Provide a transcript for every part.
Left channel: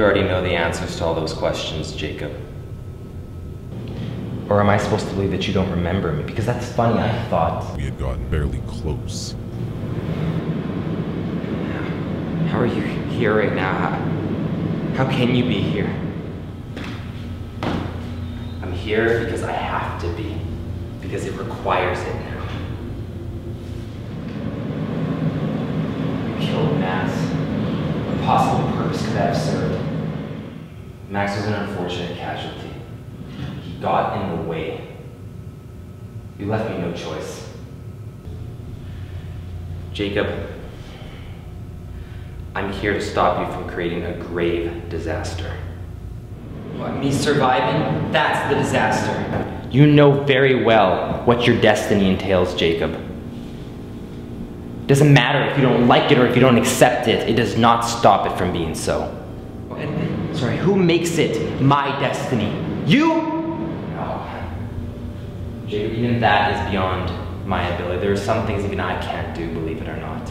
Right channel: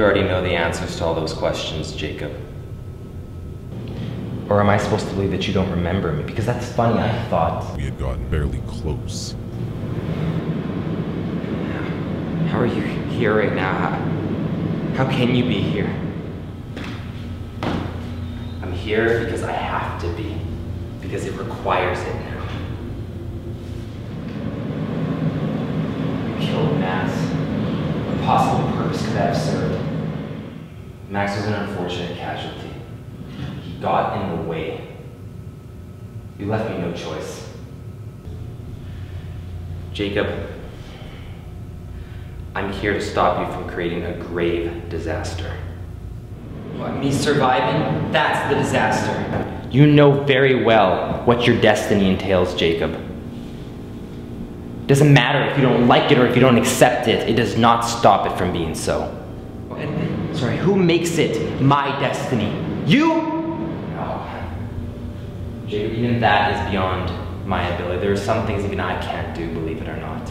you already know the answers to all those questions, Jacob. Or am I supposed to believe that you don't remember me? Because that's funny, I thought. We had gotten barely close. How are you here right now? How can you be here? I'm here because I have to be. Because it requires it now. You killed Max. What possible purpose could that have served? Max was an unfortunate casualty. He got in the way. You left me no choice. Jacob, I'm here to stop you from creating a grave disaster. What, me surviving? That's the disaster. You know very well what your destiny entails, Jacob. It doesn't matter if you don't like it or if you don't accept it. It does not stop it from being so. Sorry, who makes it my destiny? You? No. Jacob, even that is beyond my ability. There are some things even I can't do, believe it or not.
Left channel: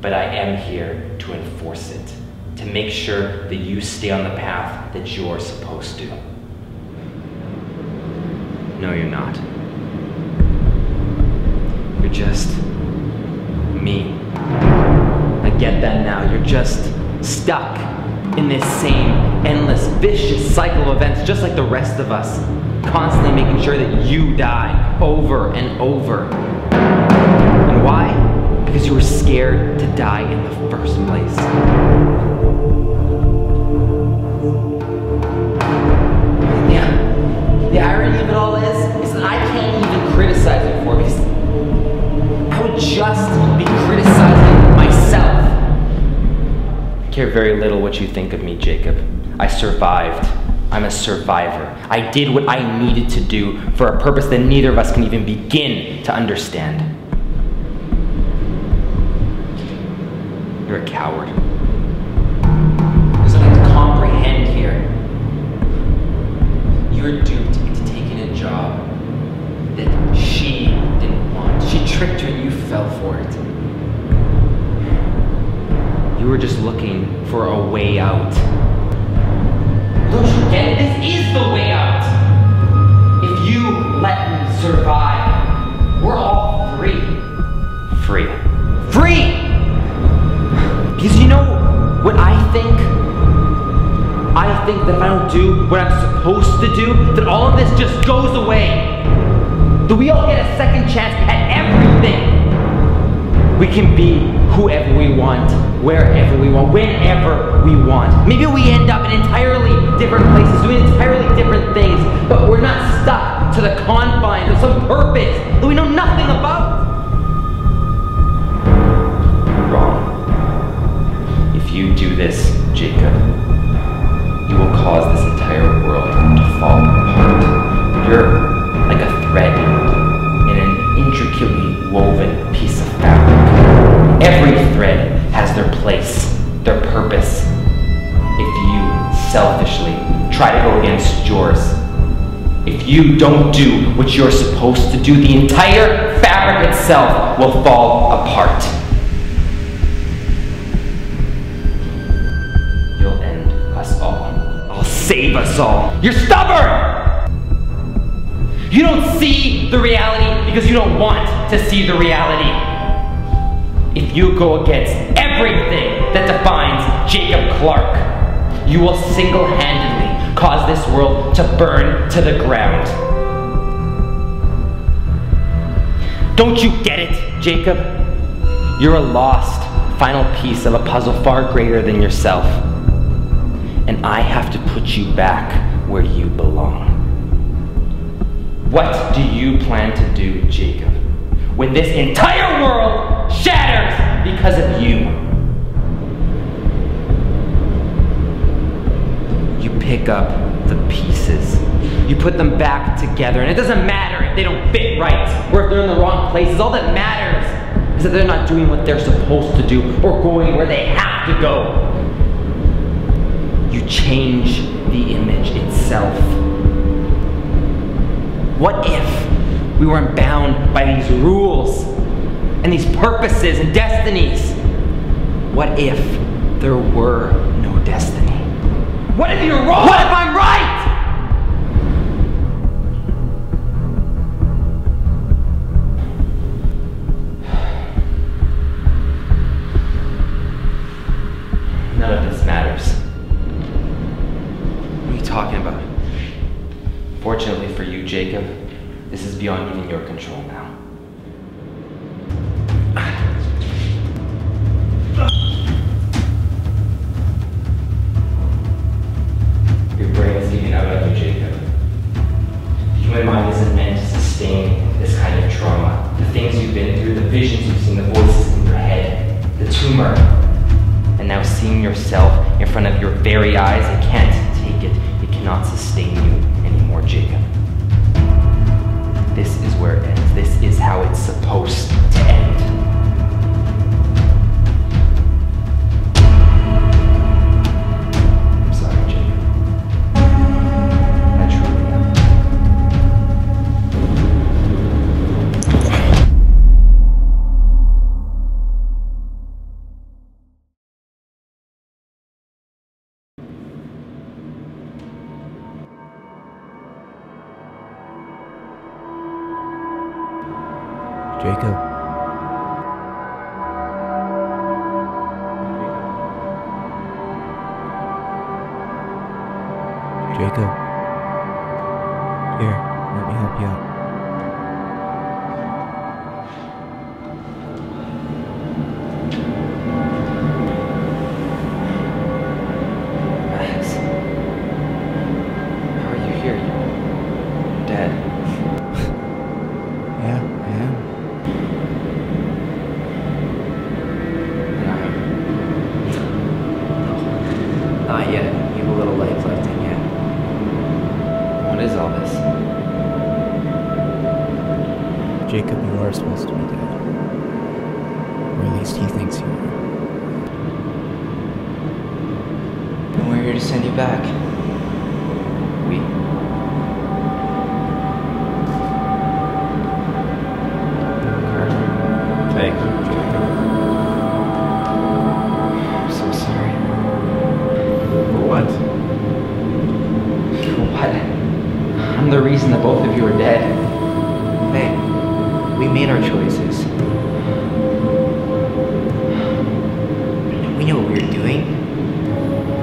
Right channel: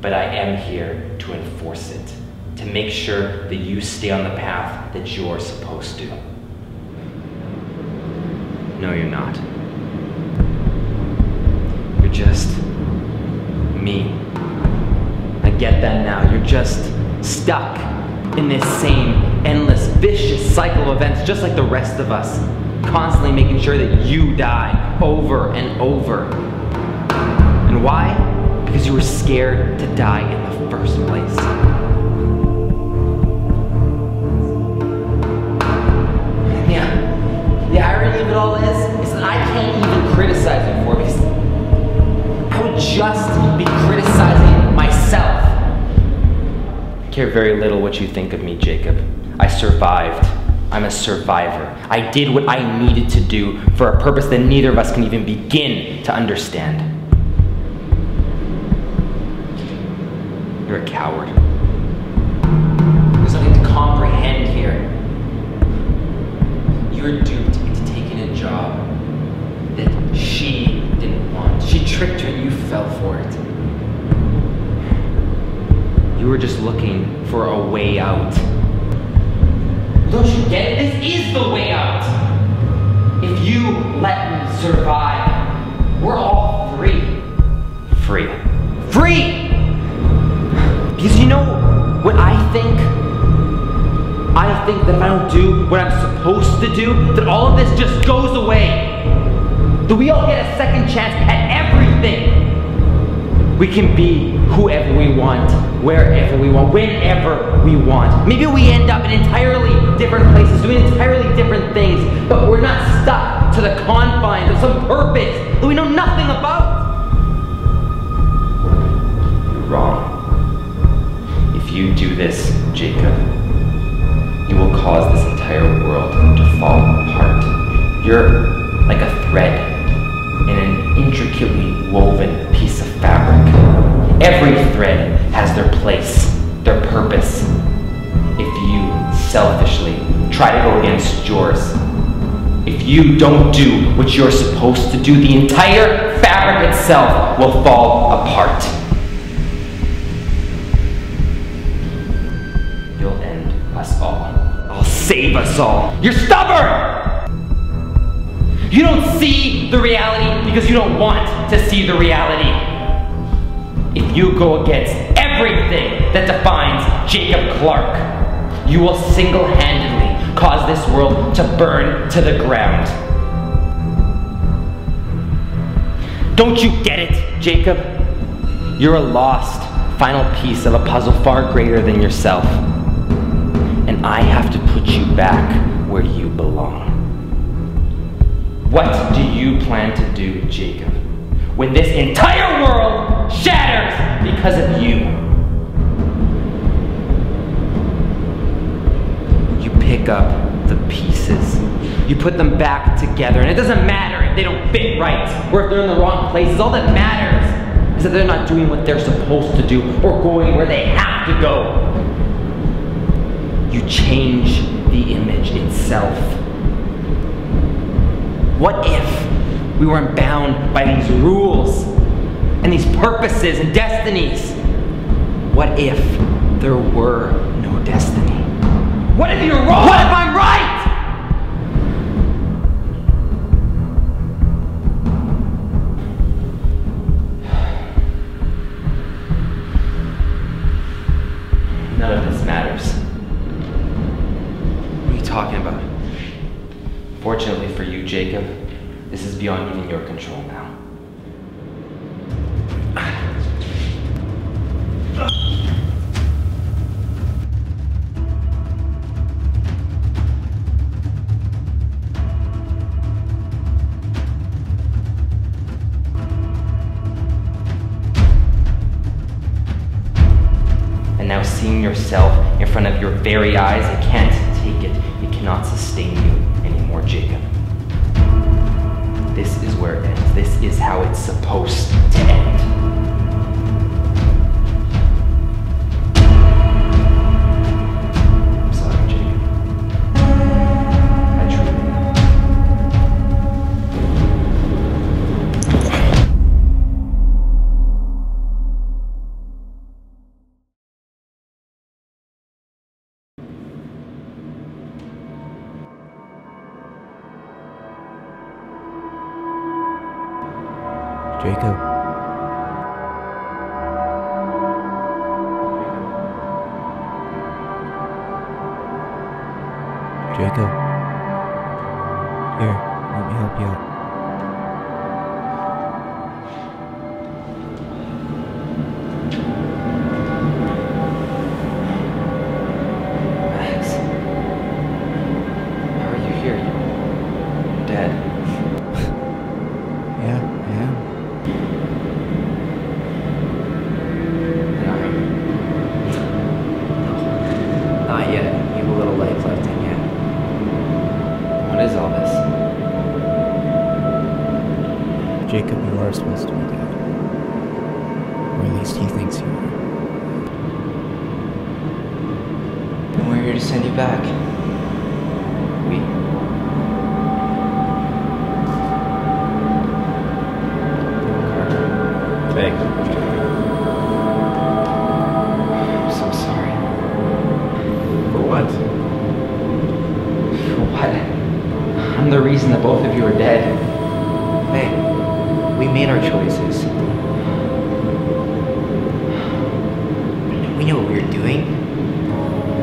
But I am here to enforce it, to make sure that you stay on the path that you're supposed to. No, you're not. You're just me. I get that now. You're just stuck in this same endless, vicious cycle of events, just like the rest of us, constantly making sure that you die over and over. And why? Because you were scared to die in the first place. Yeah, the irony of it all is that I can't even criticize you for it, because I would just be criticizing myself. I care very little what you think of me, Jacob. I survived. I'm a survivor. I did what I needed to do for a purpose that neither of us can even begin to understand. You're a coward. There's nothing to comprehend here. You're duped into taking a job that she didn't want. She tricked you and you fell for it. You were just looking for a way out. Don't you get it? This is the way out. If you let me survive, we're all free. Free. Free! Because you know what I think? I think that if I don't do what I'm supposed to do, that all of this just goes away. That we all get a second chance at everything. We can be whoever we want, wherever we want, whenever we want. Maybe we end up in entirely different places, doing entirely different things, but we're not stuck to the confines of some purpose that we know nothing about. Wrong. If you do this, Jacob, you will cause this entire world to fall apart. You're like a thread in an intricately woven piece of fabric. Every thread has their place, their purpose. If you selfishly try to go against yours, if you don't do what you're supposed to do, the entire fabric itself will fall apart. You'll end us all. I'll save us all. You're stubborn! You don't see the reality because you don't want to see the reality. If you go against everything that defines Jacob Clarke, you will single-handedly cause this world to burn to the ground. Don't you get it, Jacob? You're a lost, final piece of a puzzle far greater than yourself. And I have to put you back where you belong. What do you plan to do, Jacob, when this entire world shatters because of you? You pick up the pieces. You put them back together, and it doesn't matter if they don't fit right or if they're in the wrong places. All that matters is that they're not doing what they're supposed to do or going where they have to go. You change the image itself. What if we weren't bound by these rules and these purposes and destinies? What if there were no destiny? What if you're wrong? What if I'm right? None of this matters. What are you talking about? Fortunately for you, Jacob, this is beyond even your control now. Your brain is giving out on you, Jacob. The human mind isn't meant to sustain this kind of trauma. The things you've been through, the visions you've seen, the voices in your head, the tumor. And now seeing yourself in front of your very eyes, it can't take it. It cannot sustain you anymore, Jacob. This is where it ends. This is how it's supposed to end. I'm sorry, Jacob. I truly am. Jacob. Jacob. Here, let me help you out. Max. How are you here? You're dead. Yeah, I am. Not yet. You have a little life left in you. What is all this? Jacob, you are supposed to be dead. Or at least he thinks you are. And we're here to send you back. Hey. I'm so sorry. For what? For what? I'm the reason that both of you are dead. Hey, we made our choices. We knew what we were doing.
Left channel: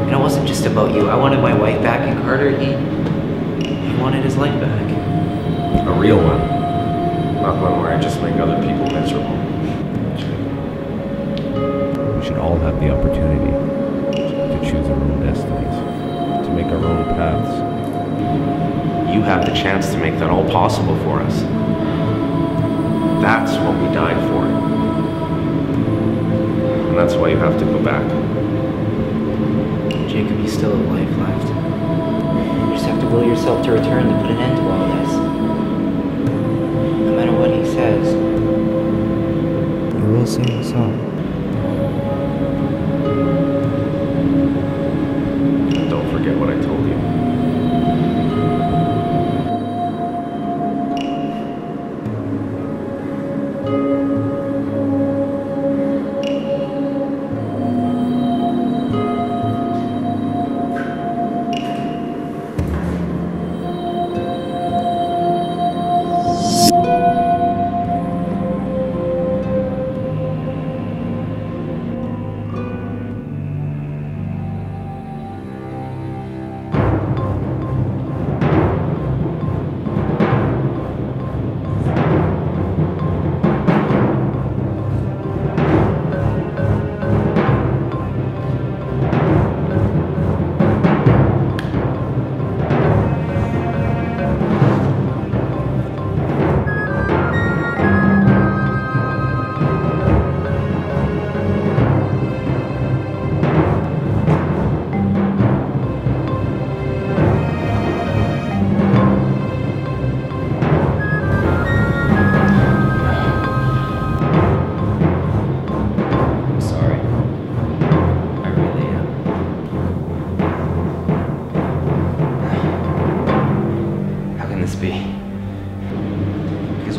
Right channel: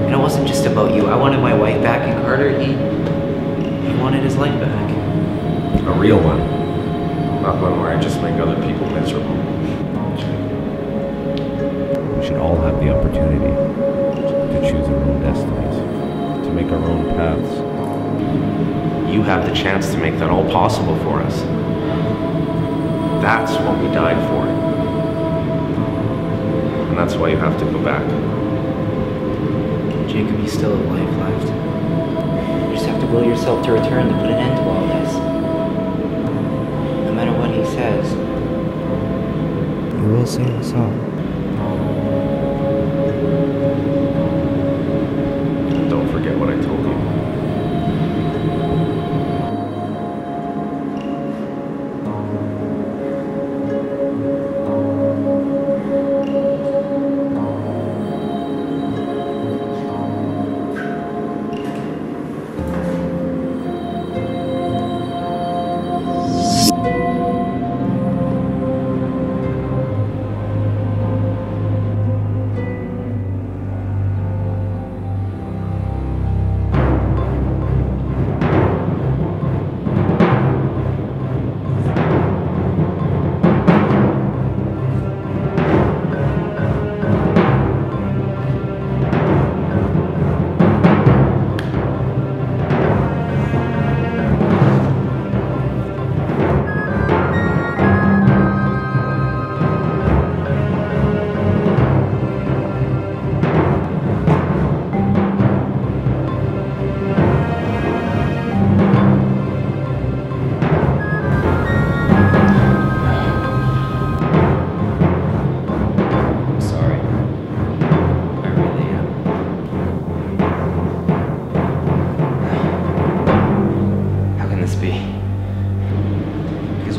And it wasn't just about you. I wanted my wife back, and Carter, he wanted his life back. A real one. Not one where I just make other people miserable. We should all have the opportunity to choose our own destinies, to make our own paths. You have the chance to make that all possible for us. That's what we died for. And that's why you have to go back. Jacob, you still have life left. You just have to will yourself to return to put an end to all this. No matter what he says. You will sing the song. Don't forget what I told you.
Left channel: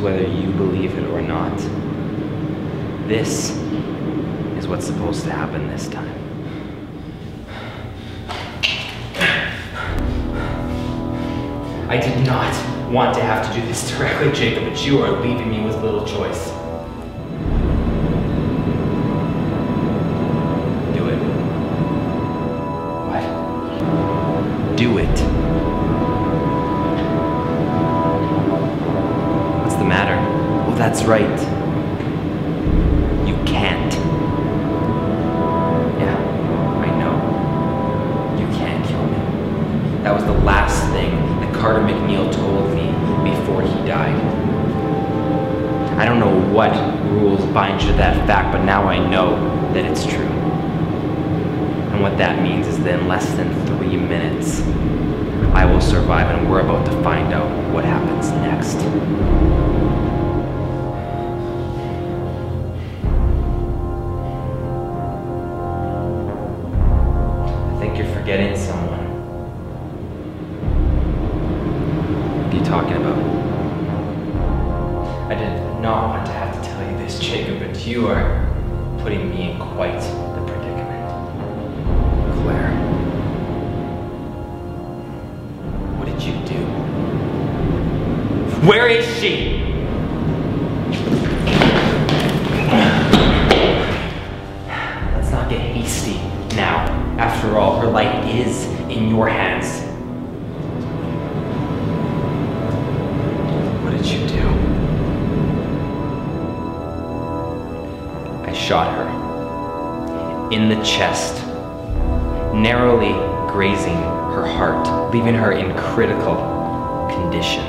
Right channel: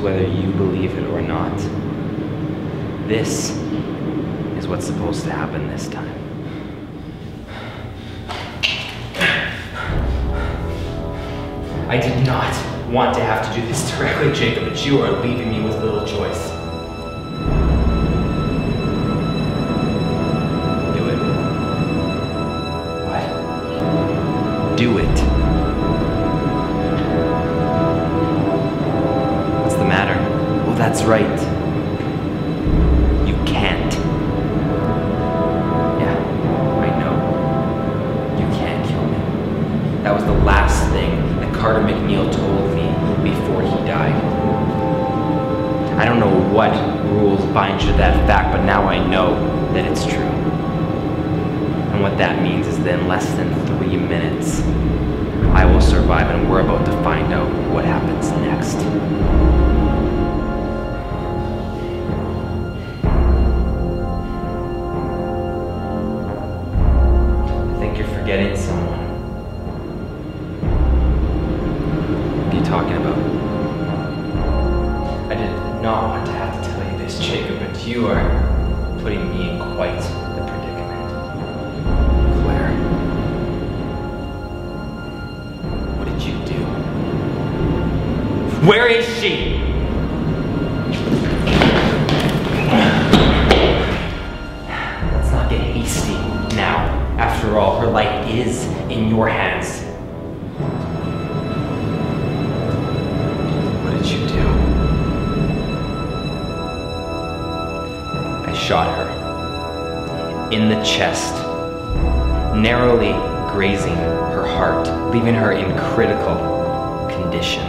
whether you believe it or not. This is what's supposed to happen this time. I did not want to have to do this directly, Jacob, but you are leaving me with little choice. Do it. What? Do it. What's the matter? Well, that's right. You can't. Yeah, I know. You can't kill me. That was the last thing that Carter McNeil told me before he died. I don't know what rules bind you to that fact, but now I know that it's true. And what that means is that in less than 3 minutes, I will survive, and we're about to find out what happens next. I think you're forgetting someone. What are you talking about? I did not want to have to tell you this, Jacob, but you are putting me in quite the predicament. Claire. What did you do? Where is she? Let's not get hasty now. After all, her life is in your hands. What did you do? I shot her in the chest, narrowly grazing her heart, leaving her in critical condition.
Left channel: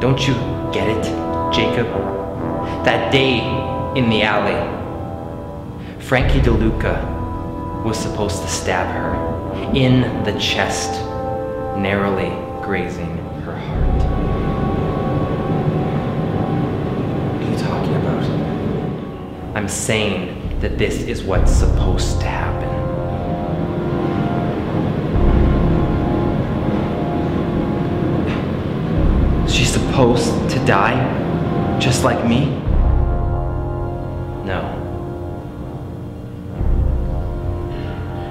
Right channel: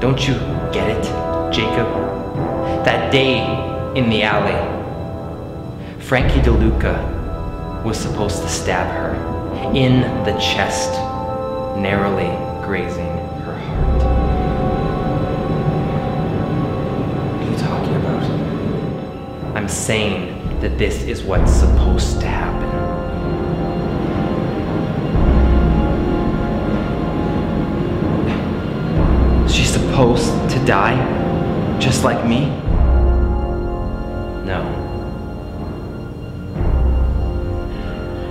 Don't you get it, Jacob? That day in the alley, Frankie DeLuca was supposed to stab her in the chest, narrowly grazing her heart. What are you talking about? I'm saying that this is what's supposed to happen. She's supposed to die, just like me? No.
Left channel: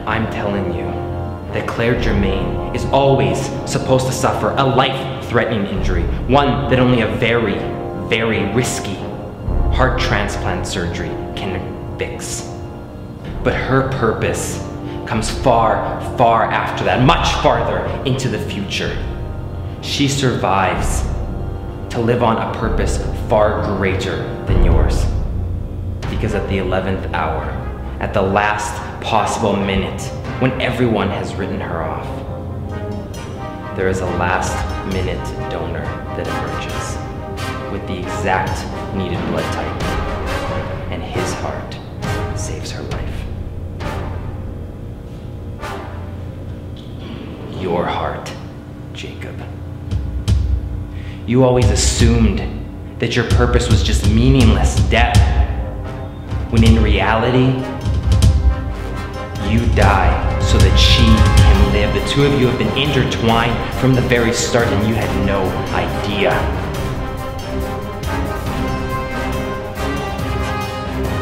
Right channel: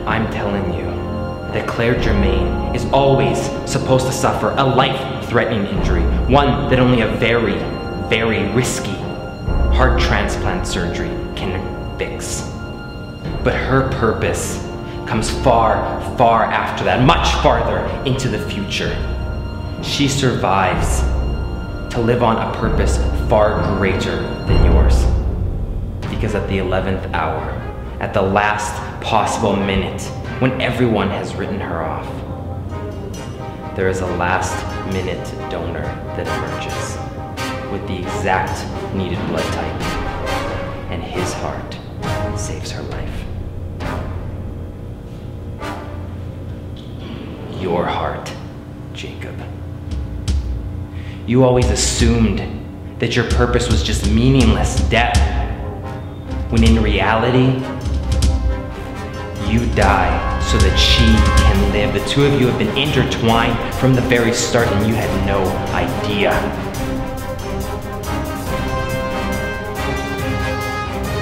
I'm telling you that Claire Jermaine is always supposed to suffer a life-threatening injury, one that only a very, very risky heart transplant surgery can fix. But her purpose comes far, far after that, much farther into the future. She survives to live on a purpose far greater than yours. Because at the 11th hour, at the last possible minute, when everyone has written her off, there is a last-minute donor that emerges with the exact needed blood type, and his heart saves her life. Your heart, Jacob. You always assumed that your purpose was just meaningless death, when in reality, you die so that she can live. The two of you have been intertwined from the very start, and you had no idea.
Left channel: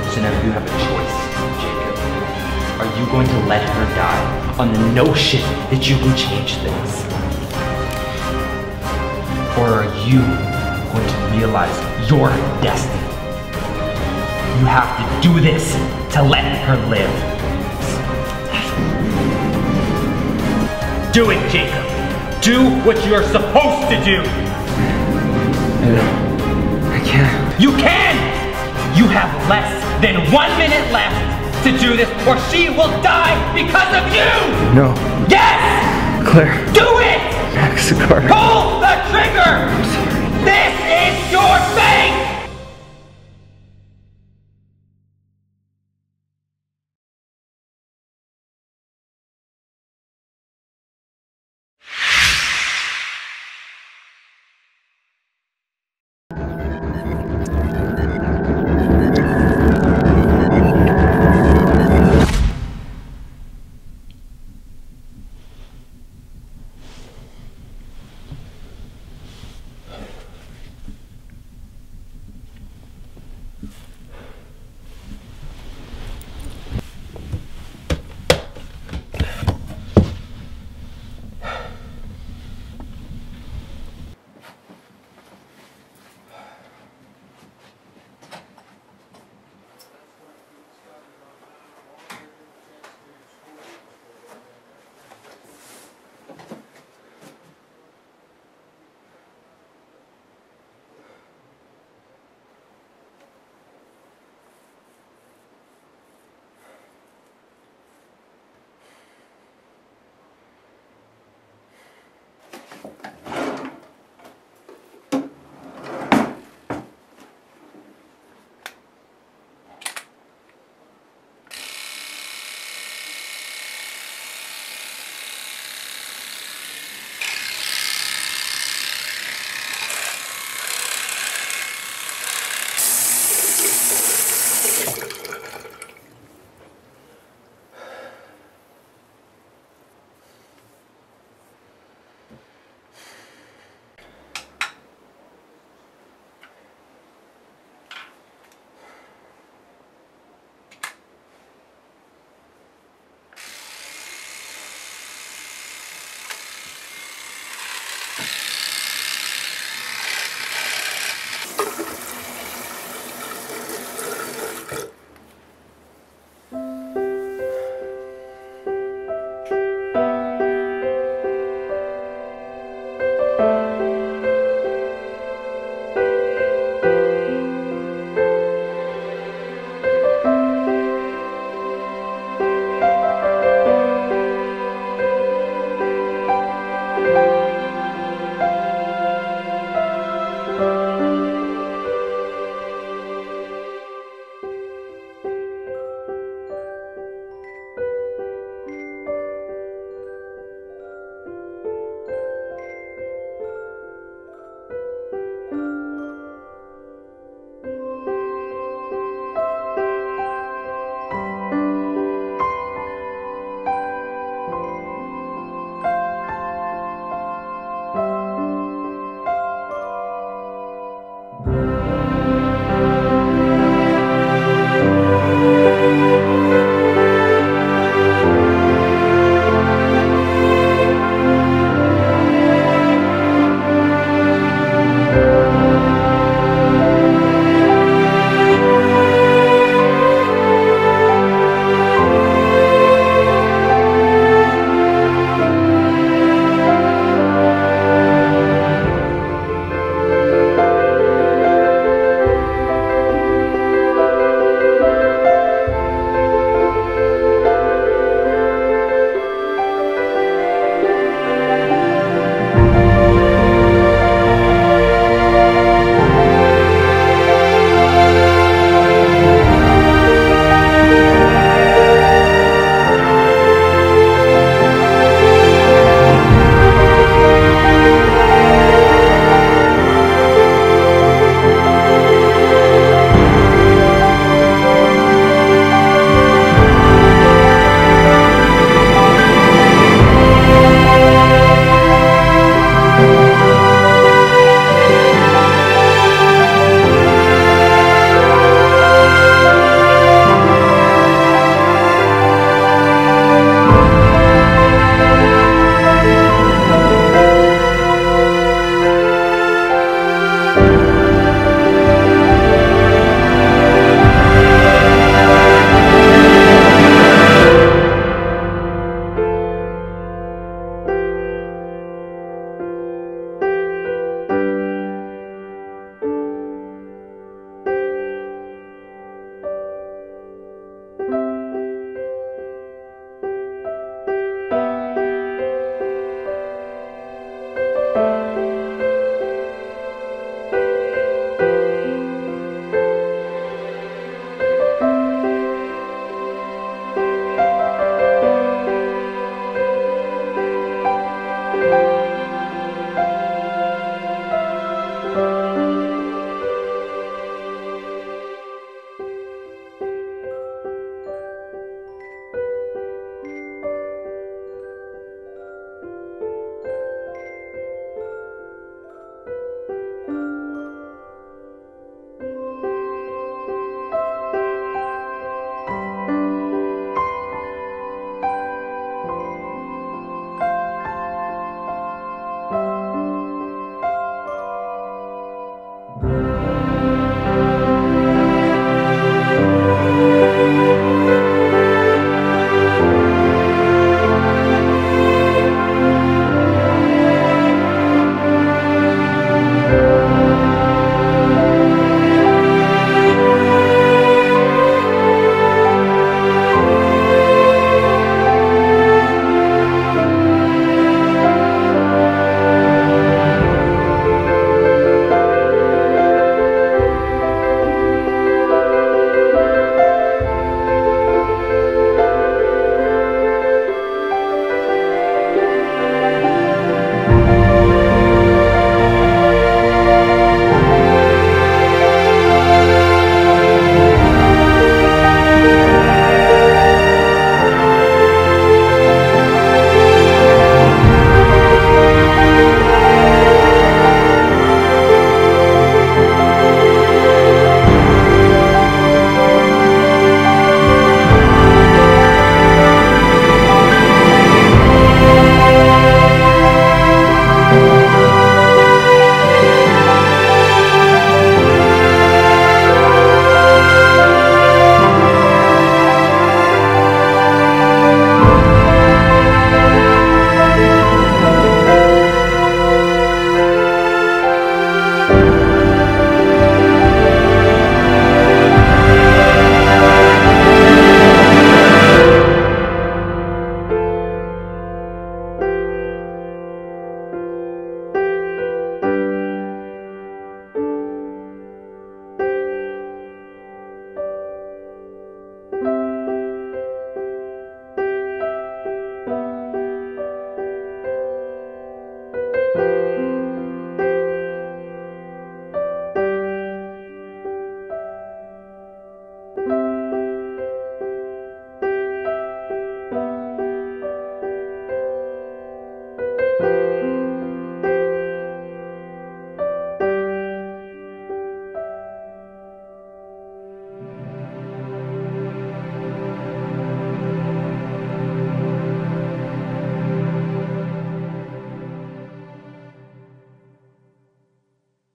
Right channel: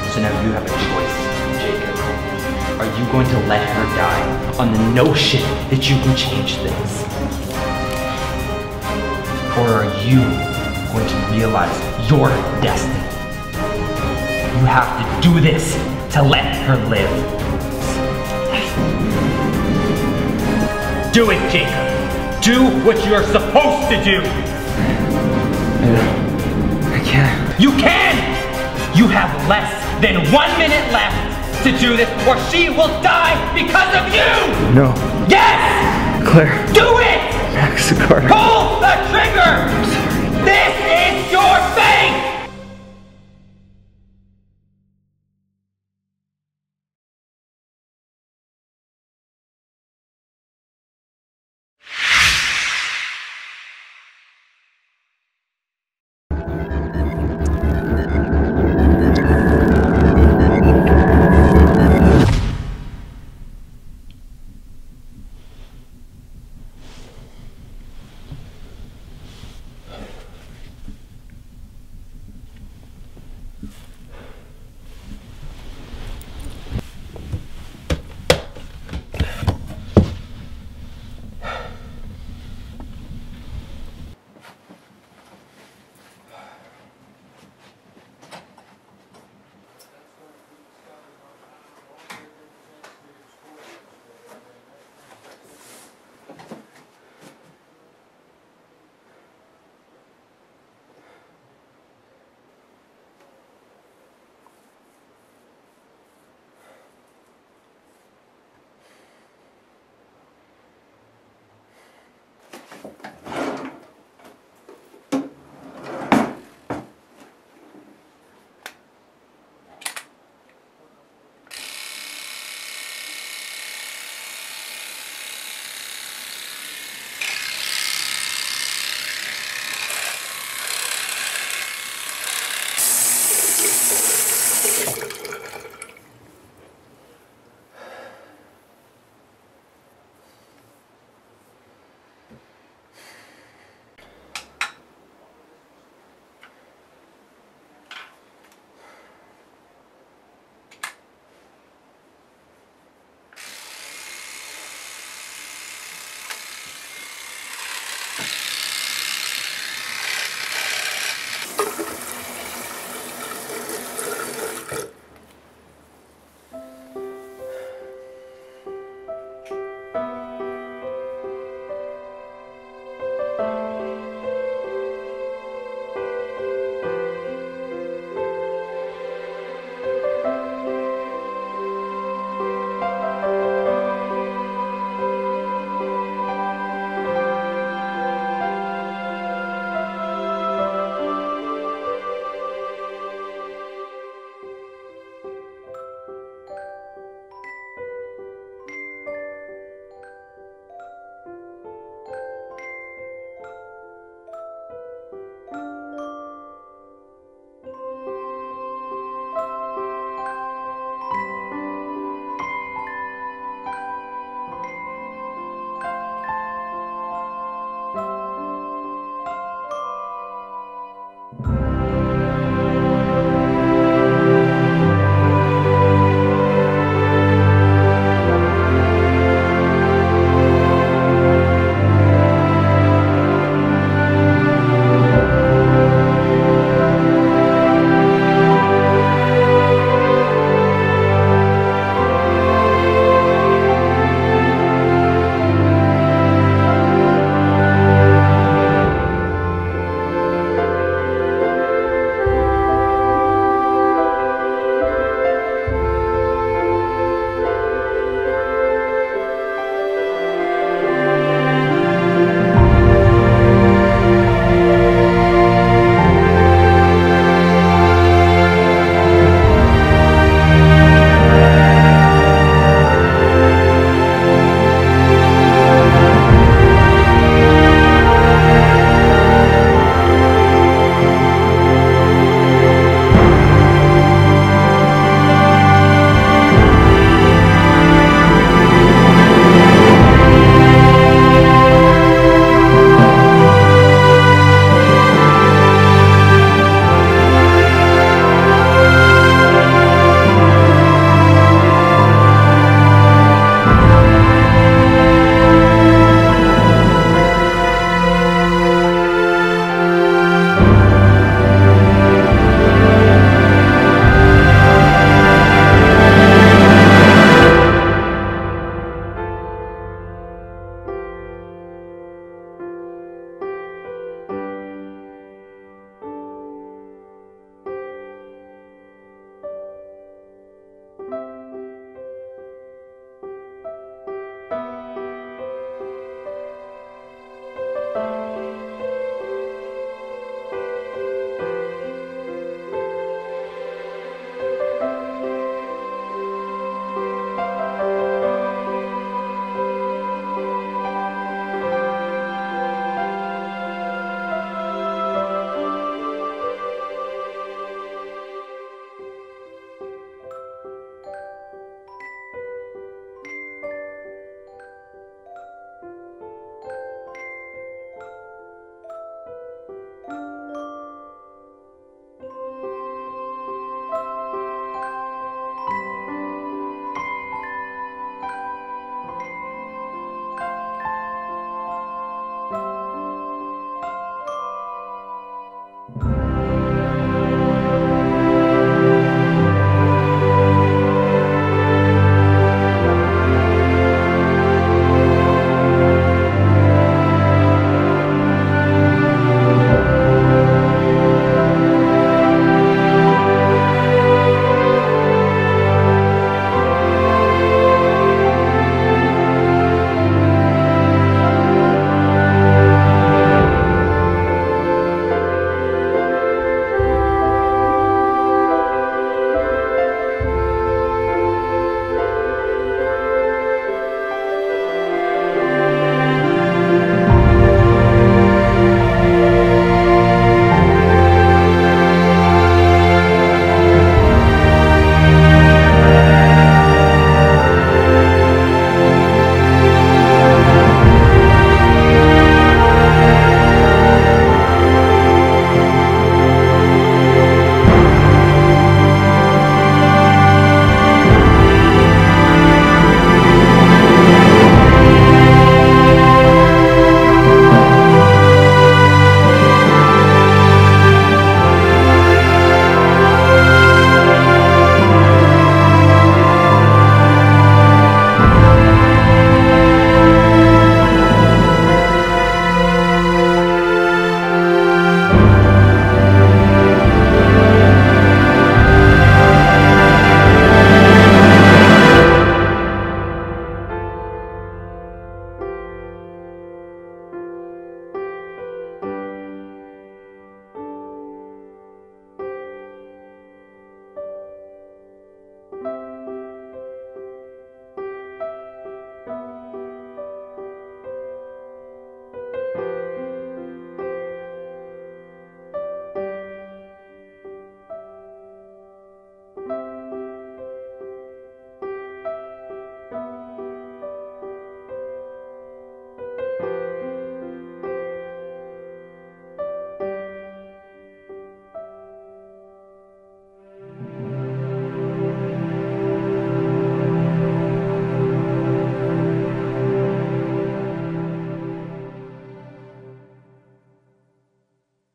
So now you have a choice, Jacob. Are you going to let her die on the notion that you can change things? Or are you going to realize your destiny? You have to do this to let her live. Do it, Jacob. Do what you're supposed to do. I can't. You can! You have less than 1 minute left to do this, or she will die because of you! No. Yes! Claire. Do it! Max, Carter. Pull the trigger!